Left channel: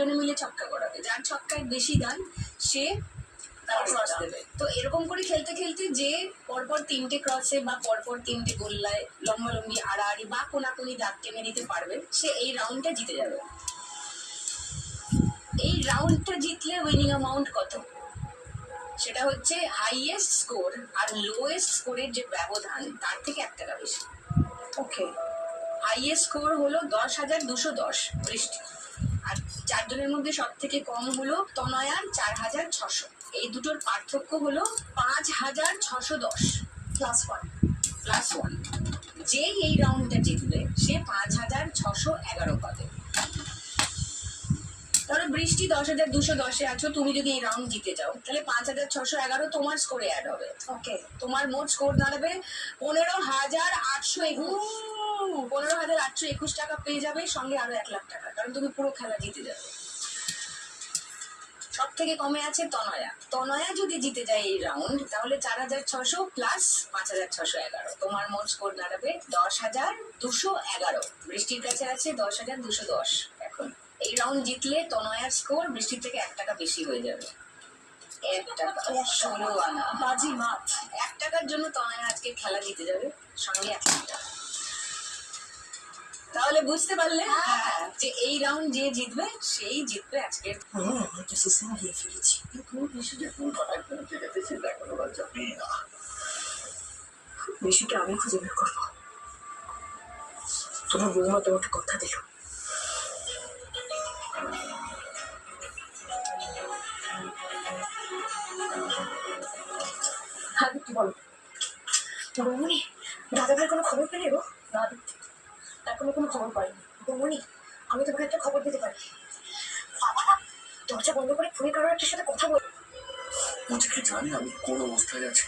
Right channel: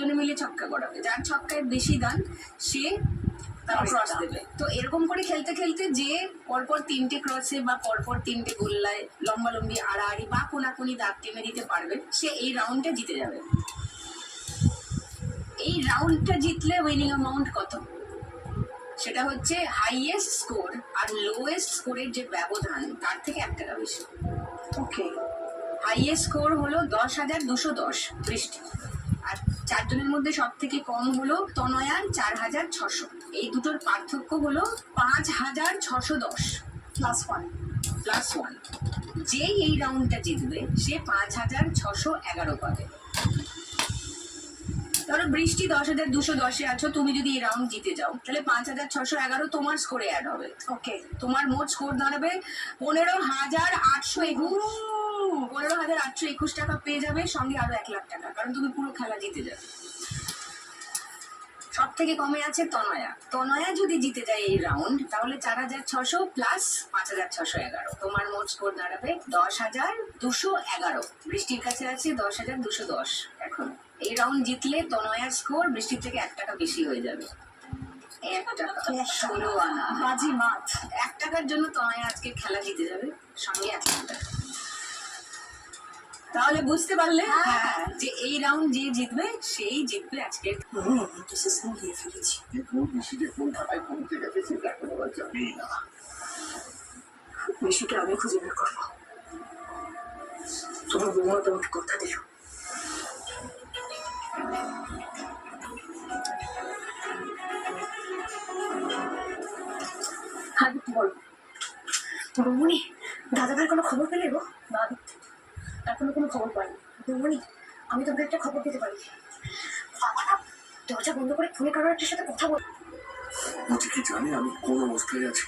জন্য মিলে ছক্কা করাবে, যার ছক্কায় বেশি দান সে ক্রস দেবে। তো এরকম করে খেলতে খেলতে যে পরপর 3টে ক্রসে বা পরপর 3টে গোল্লায় লম্বালম্বি আড়াআড়ি বা কোনাকুনি দাগ টেনে দিতে পারবে, সে এই রাউন্ডটা জিতে যাবে। এই রাউন্ডটা জিতলে উইনিং অ্যামাউন্ট কত? সেটা হচ্ছে হাইয়েস্ট স্কোর আর লোয়েস্ট স্কোরের যে ব্যবধান তার থেকে 1 টাকা বেশি। ওকে, হাইয়েস্ট স্কোর হলো 10,210 বৃষ্টি, আর 4 জনের মধ্যে সব থেকে কম হলো তনয়ার 4,600। এই দুটোর পার্থক্য হলো 5,610 +1 যেই এই রাউন্ডটা জিতবে সে 5,611 পাবে। ধরো বৃষ্টি 10,210-এ আছো, তুমি যদি এই রাউন্ড জিতে যাও তাহলে 5,611 তোমার স্কোরে অ্যাড হবে। ওকে, তোমার মোট স্কোর দাঁড়াবে 15,821। 15,821 টাকা পেয়ে যাবে, সঙ্গে আরো 1 লাখ টাকা, কারণ তুমি পুরো খেলা জিতে যাবে। সব থেকে কমে আছে তনয়া যদি জিতে যায় এই রাউন্ড তাহলে 4,600 প্লাস 5,611, তোমার মোট স্কোর দাঁড়াবে 10,211। বৃষ্টির কাছে আছে 10,210। এখন এই রাউন্ড জিতলে তনয়ার স্কোর বৃষ্টির থেকে 1 টাকা বেশি হয়ে যাবে। 1 টাকা 16 আনা বাজি মাত। 1 টাকার জন্য তনয়া আজকে খেলা জিতে যাবে, সঙ্গে 1 লাখ টাকা। তাহলে বুঝতে পারলে যে এই রাউন্ড যে জিতবে সেই জিতবে আজকে। ডিসিশন নিয়ে ফেলেছি। বেশিটা আমি খুঁজে বের করবো। তোমার বৌমা তোমাকে কথা দিল। হ্যাঁ দীপ্তি বলো। বৌমনি, দাদা ভাইয়ের কোনো খবর পেলে গো? না দীপ্তি, এখনো কোনো খবর পাইনি। বৌমনি, আমি তোমাকে একটা খবর দিতে পারি। বাবা না দরজা বন্ধ করে ফোনে কারোর একটা সাথে কথা বল। কি জানি আমি কোন অবস্থায় আছি।